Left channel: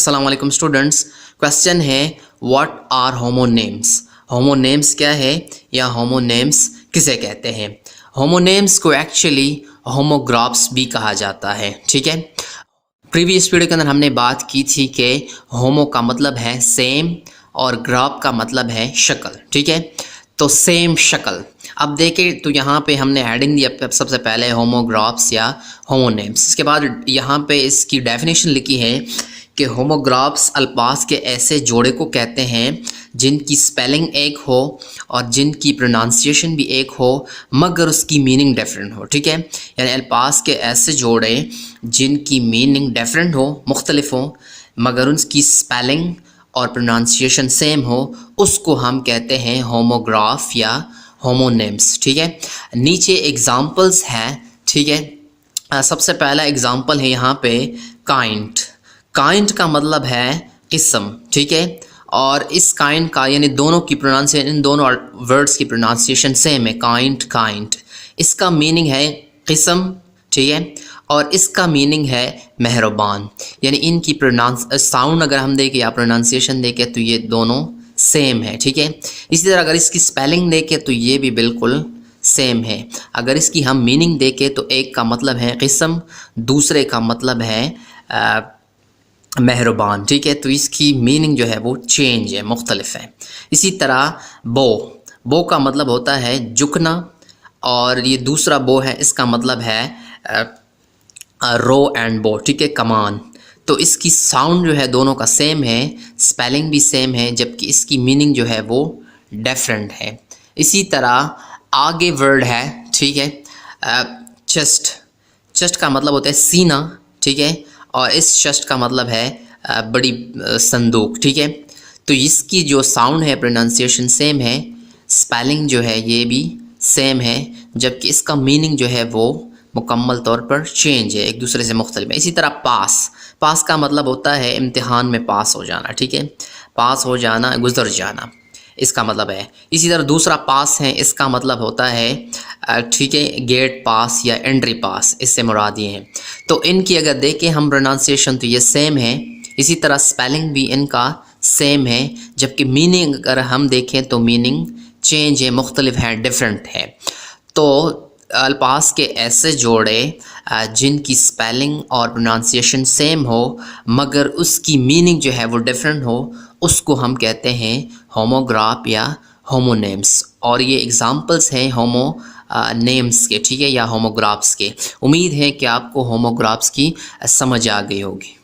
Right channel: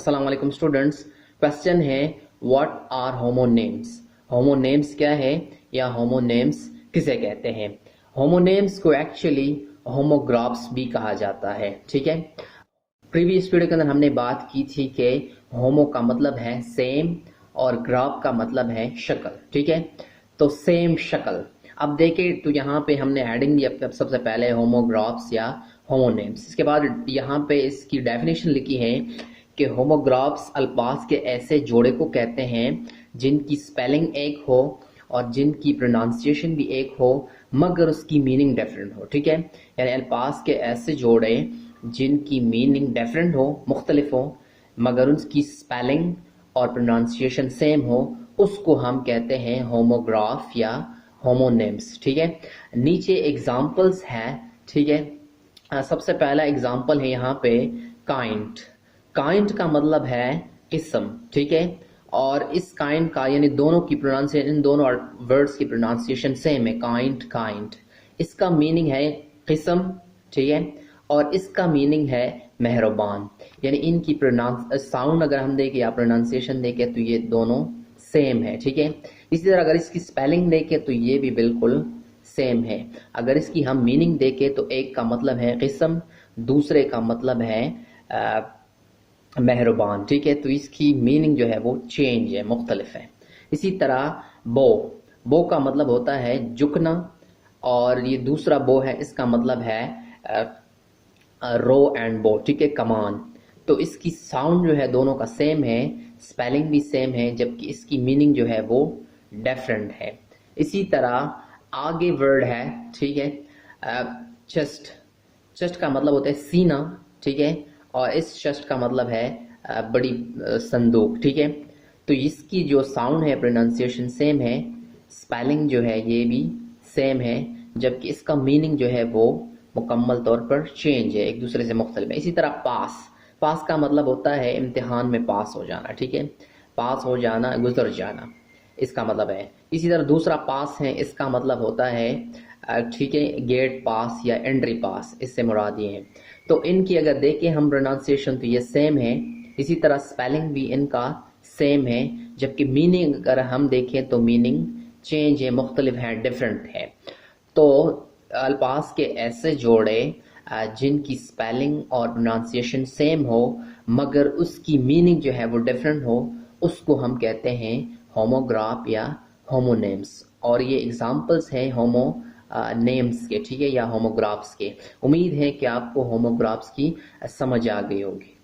अस्सलाम वालेकुम students. Question है व्हाट आर होमोनेम्स। होमोनेम्स क्या है या होमोनेम्स किसे कहते हैं। होमोनेम्स को एक्चुअली होमोग्राफ्स भी कहा जाता है। ठीक है, प्रीवियस वीडियो के अंदर हमने बात की थी कि होमो का मतलब है सेम और ग्राफ का मतलब है शक्ल। ठीक है, तो सेम शक्ल। अब देखें तो यहाँ पे हमने हेडिंग दिया सबसे पहले होमोग्राफ्स या होमोनेम्स। इसके बाद यहाँ पे इसकी डेफिनेशन लिखी है कि होमोग्राफ्स अल्फाज के ऐसे जोड़े को कहते हैं जिनकी स्पेलिंग एक हो और जिनकी प्रोनाउंसिएशन भी एक हो मगर उसकी मीनिंग डिफरेंट हो। ठीक है, यानी अल्फाज के ऐसे जोड़े जिनकी मीनिंग डिफरेंट हो, मुख्तलिफ हो, मगर उनकी स्पेलिंग और प्रोनाउंसिएशन सेम हो, उसको हम कहते हैं होमोग्राफ या होमोनेम्स। ठीक है, नीचे एग्जांपल्स हैं। ठीक है, सबसे पहला एग्जांपल है यहाँ पे काइंड। काइंड का मतलब है किस्म। ठीक है, और इस काइंड का यानी दोनों की प्रोनाउंसिएशन, इन दोनों वर्ड्स की प्रोनाउंसिएशन सेम है। काइंड काइंड, इसका मीनिंग है किस्म। ठीक है, और इसका मीनिंग है मेहरबान। यानी इनकी साउंड अगर हम देखें या प्रोनाउंसिएशन देखें तो ये दोनों सेम है। ठीक है, इसी तरह अगर इसकी स्पेलिंग देखें तो ये भी बिल्कुल सेम है। अगर इसकी हम मीनिंग देखें तो एक का मतलब है किस्म, दूसरे का मतलब है मेहरबान। ठीक है, तो इसकी मीनिंग जो है वो चेंज है, मुख्तलिफ है। इसी तरह बो का मतलब होता है झुकना, और ये दूसरा बो है, इसका मतलब है रो एंड बो। ठीक है, कमान। तो इसकी साउंड जो है दोनों का सेम है, स्पेलिंग भी सेम है, जबकि इसकी मीनिंग जो है वो डिफरेंट है। इसी तरह आगे वर्ड है, ठीक है, चेस्ट। चेस्ट का मतलब होता है सीना। ठीक है, और इस चेस्ट का मतलब है बड़ी संदूक। ठीक है, तो इसकी जो साउंड है, प्रोनाउंसिएशन सेम है, स्पेलिंग जो है ये भी सेम है, जबकि इसका मीनिंग जो है वो मुकम्मल तौर पर चेंज है, एक दूसरे से मुख्तलिफ है। इसी तरह पास का मतलब होता है इम्तिहान में पास हो जाना। ठीक है, पास हो जाना, गुजर जाना, इसका मतलब है। इसी तरह दूसरा पास है, इसका मतलब होता है ठीक है, गेट पास या एंट्री पास, इससे मुराद ये है। तो इनकी अगर देखें हम प्रोनाउंसिएशन तो ये सेम है, इसी तरह स्पेलिंग भी इनका सेम है, जबकि मीनिंग अगर हम देखें तो मीनिंग चेंज है, मुख्तलिफ है, डिफरेंट है। तो अल्फाज के ऐसे जोड़े जिनकी स्पेलिंग और प्रोनाउंसिएशन सेम हो मगर उसकी मीनिंग जो है वो डिफरेंट हो, उसको हम कहते हैं होमोग्राफ या होमोनेम्स। और ये एग्जांपल्स हैं नेम्स के, ठीक है, या होमोग्राफ्स के। उम्मीद है कि आपको होमोग्राफ्स की समझ आ गई होगी।